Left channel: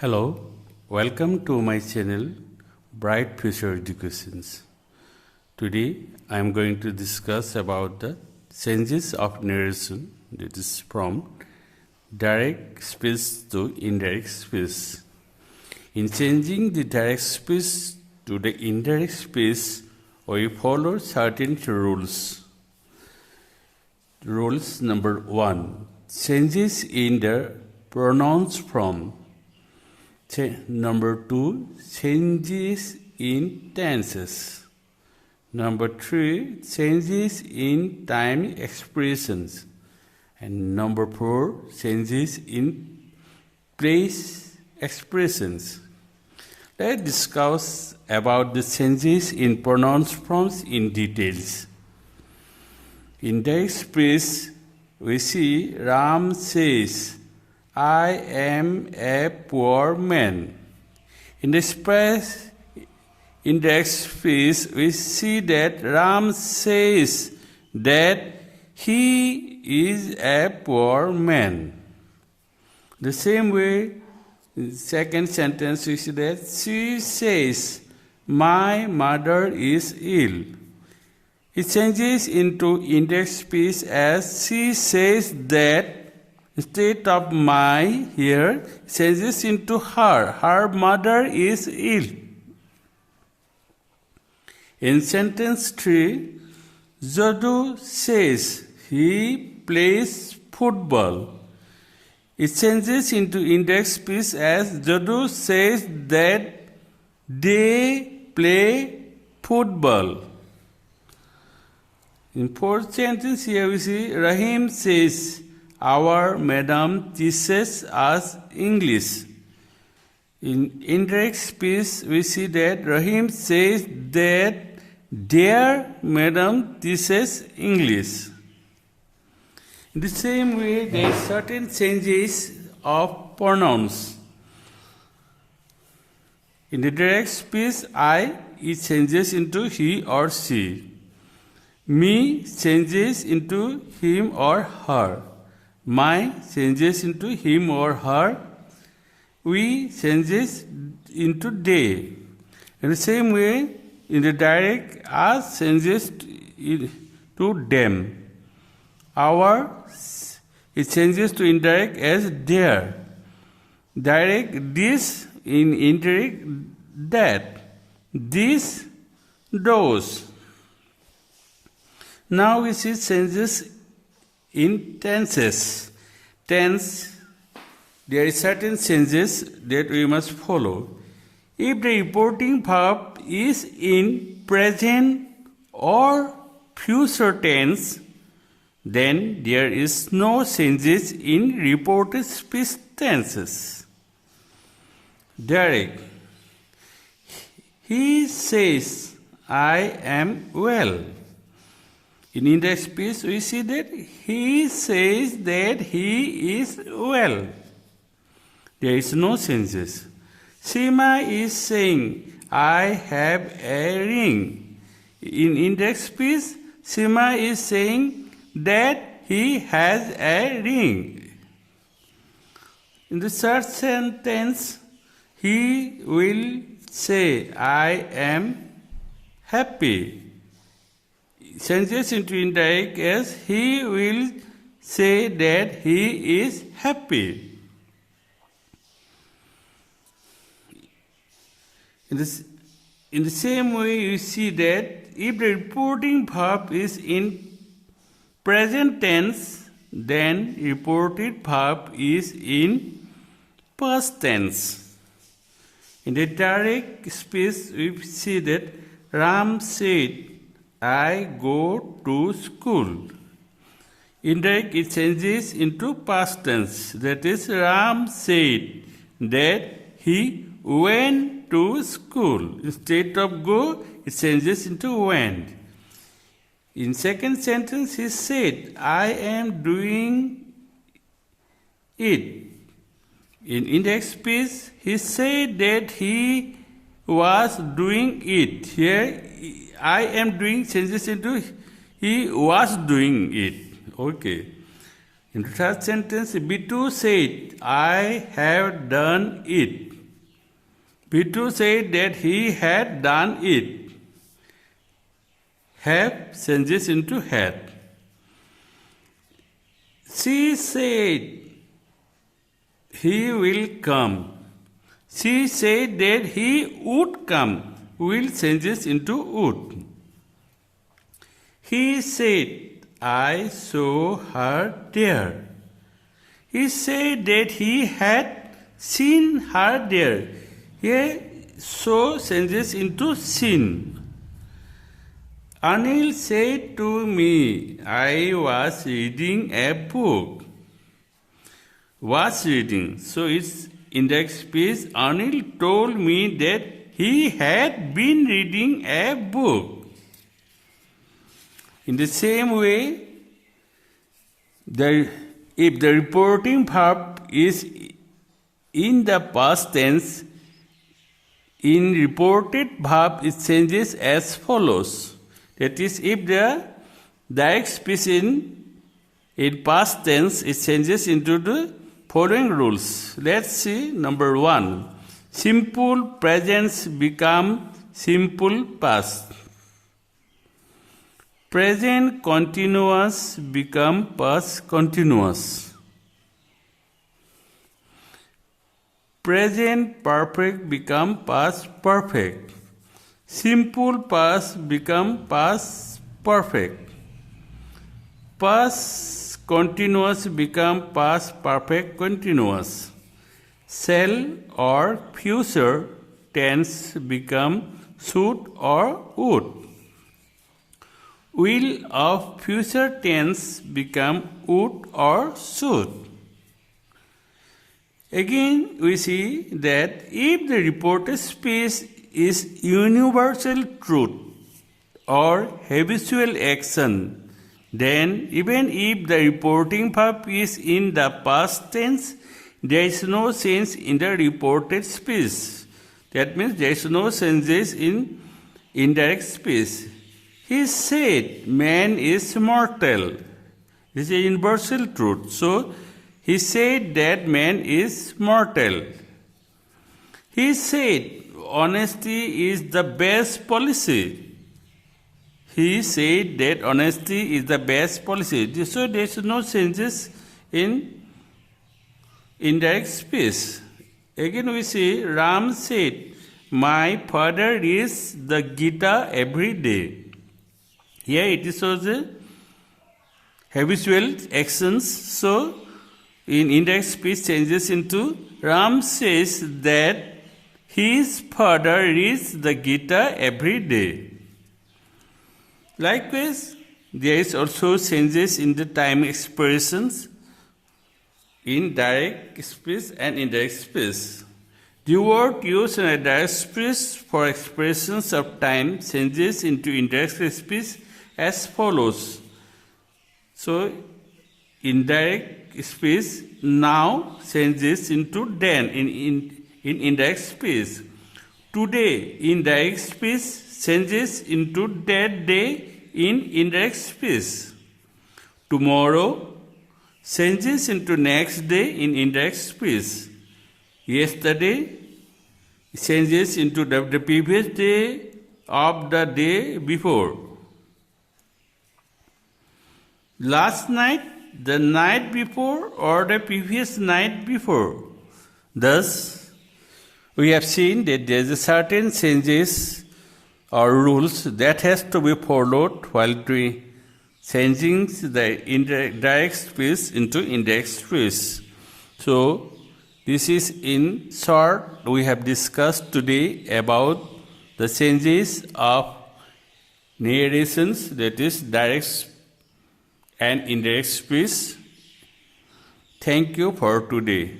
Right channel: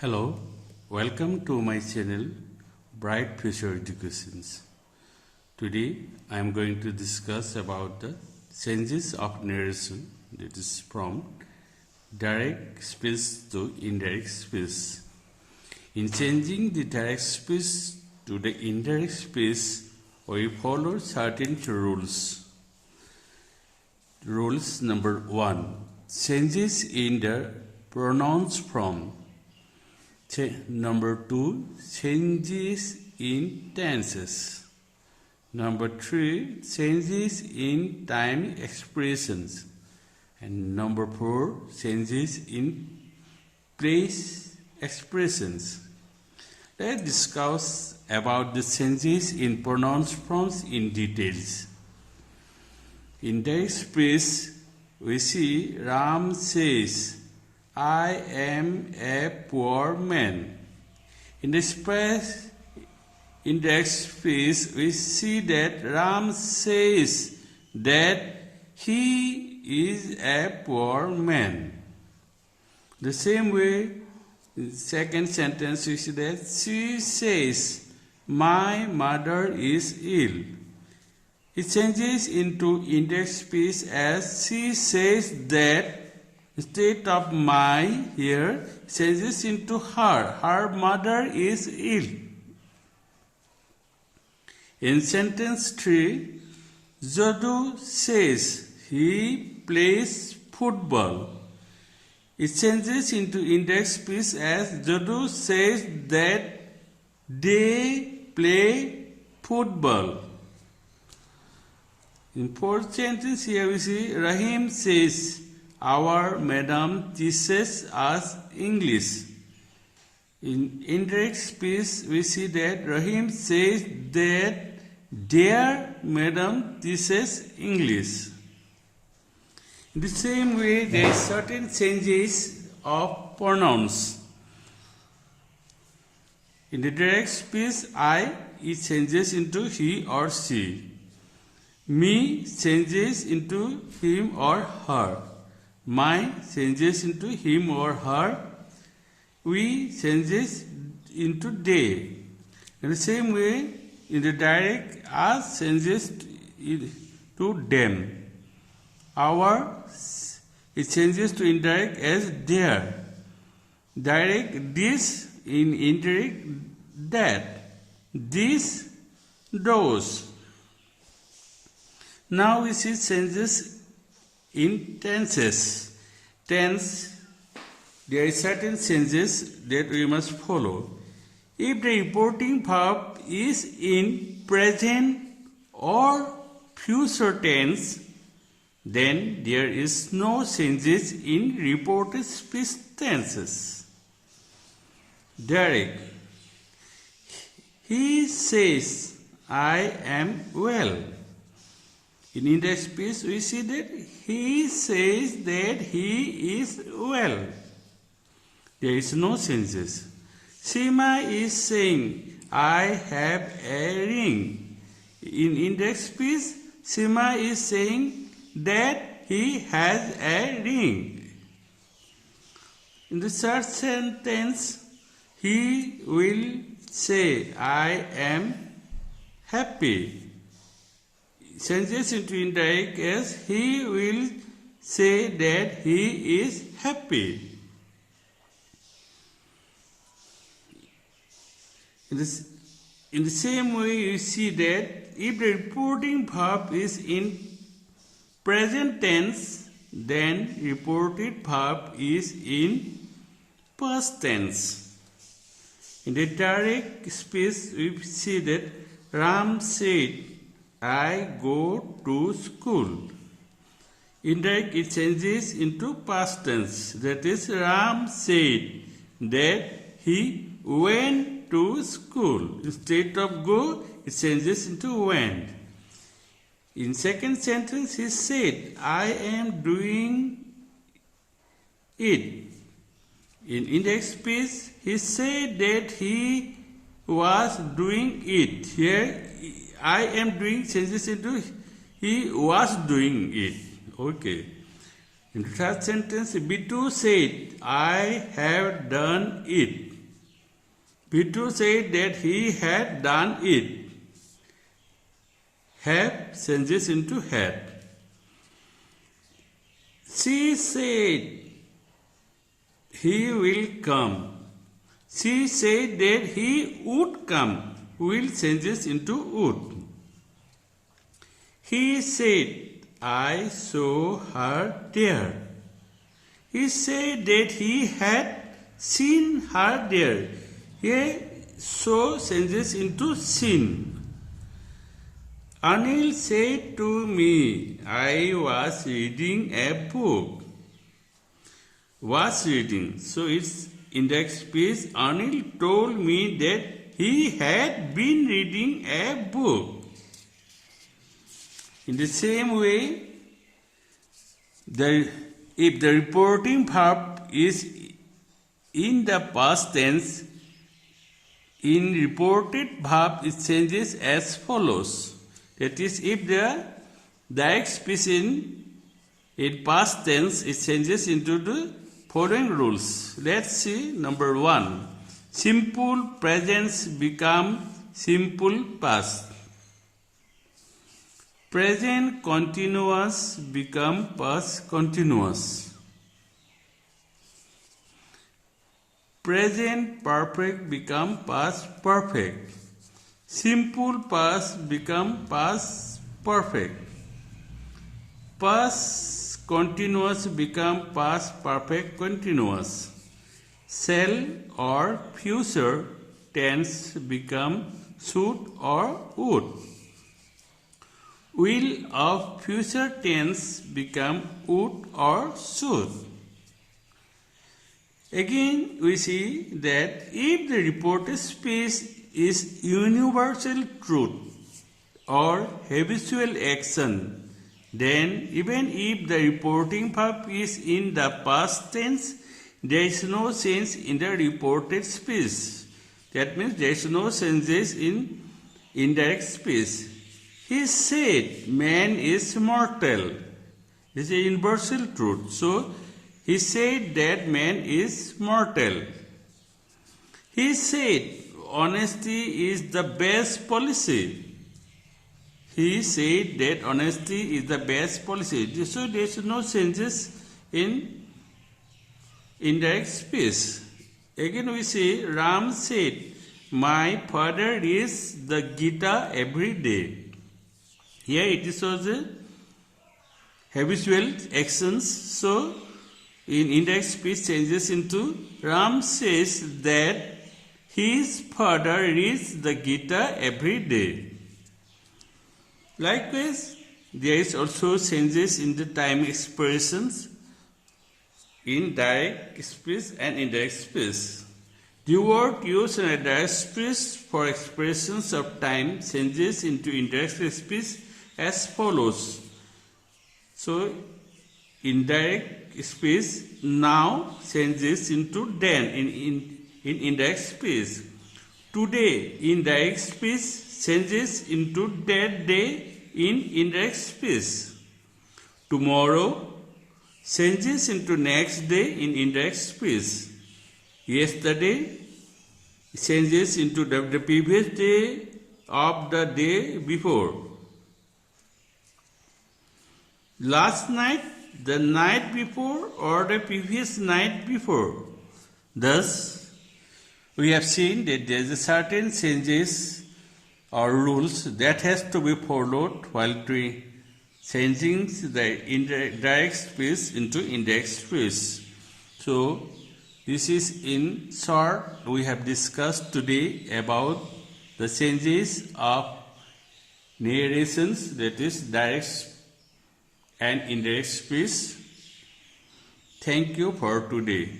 Hello, welcome to my channel Bright Future Educations. Today I am going to discuss about the changes of narration, that is from direct speech to indirect speech. In changing the direct speech to the indirect speech, we follow certain rules. Rules number 1, changes in the pronouns form. Number 2, changes in tenses. Number 3, changes in time expressions. And number 4, changes in place expressions. Let's discuss about the changes in pronouns forms in details. In direct speech, we see Ram says, I am a poor man. In the indirect speech, we see that Ram says that he is a poor man. The same way, in the second sentence, we see that she says, my mother is ill. It changes into indirect speech as she says that. Instead of my here, it changes into her. Her mother is ill. In sentence 3, Jadu says he plays football. It changes into indirect speech as Jadu says that they play football. In fourth sentence here we see Rahim says, our madam teaches us English. In indirect speech, we see that Rahim says that their madam teaches English. In the same way, there are certain changes of pronouns. In the direct speech, I, it changes into he or she. Me changes into him or her. My changes into him or her. We changes into they. In the same way, in the direct, us changes to them. Our, it changes to indirect as their. Direct, this. In indirect, that. This, those. Now we see changes in tenses. Tense, there are certain changes that we must follow. If the reporting verb is in present or future tense, then there is no changes in reported speech tenses. Direct. He says, I am well. In indirect speech, we see that he says that he is well. There is no changes. Sima is saying, I have a ring. In indirect speech, Sima is saying that he has a ring. In the third sentence, he will say, I am happy. Changes into indirect as he will say that he is happy. In the same way, you see that if the reporting verb is in present tense, then reported verb is in past tense. In the direct speech, we see that Ram said, I go to school. Indirect, it changes into past tense. That is, Ram said that he went to school. Instead of go, it changes into went. In second sentence, he said, I am doing it. In indirect speech, he said that he was doing it. Here, I am doing changes into he was doing it. Okay. In the third sentence, B2 said, I have done it. B2 said that he had done it. Have changes into had. She said, he will come. She said that he would come. Will changes into would. He said, I saw her there. He said that he had seen her there. Here, saw changes into seen. Anil said to me, I was reading a book. Was reading. So it's indirect speech. Anil told me that he had been reading a book. In the same way, if the reporting verb is in the past tense, in reported verb it changes as follows. That is, if the direct speech in past tense, it changes into the following rules. Let's see. Number 1. Simple presents become simple past. Present continuous become past continuous. Present perfect become past perfect. Simple past become past perfect. Past continuous become past perfect continuous. Shall or future tense become should or would. Will of future tense become would or should. Again, we see that if the reported speech is universal truth or habitual action, then even if the reporting verb is in the past tense, there is no change in the reported speech. That means there is no changes in indirect speech. He said, man is mortal. This is a universal truth. So, he said that man is mortal. He said, honesty is the best policy. He said that honesty is the best policy. So, there is no changes in indirect speech. Again, we see, Ram said, my father reads the Gita every day. Here it shows the habitual actions. So, in indirect speech changes into Ram says that his father reads the Gita every day. Likewise, there is also changes in the time expressions in direct speech and indirect speech. The word used in a direct speech for expressions of time changes into indirect speech as follows. So, indirect speech now changes into then in indirect speech. Today, indirect speech changes into that day in indirect speech. Tomorrow changes into next day in indirect speech. Yesterday changes into the previous day of the day before. Last night, the night before, or the previous night before. Thus, we have seen that there is a certain changes or rules that has to be followed while changing the direct speech into indirect speech. So, this is in short, we have discussed today about the changes of narrations, that is direct and indirect speech. Thank you for today.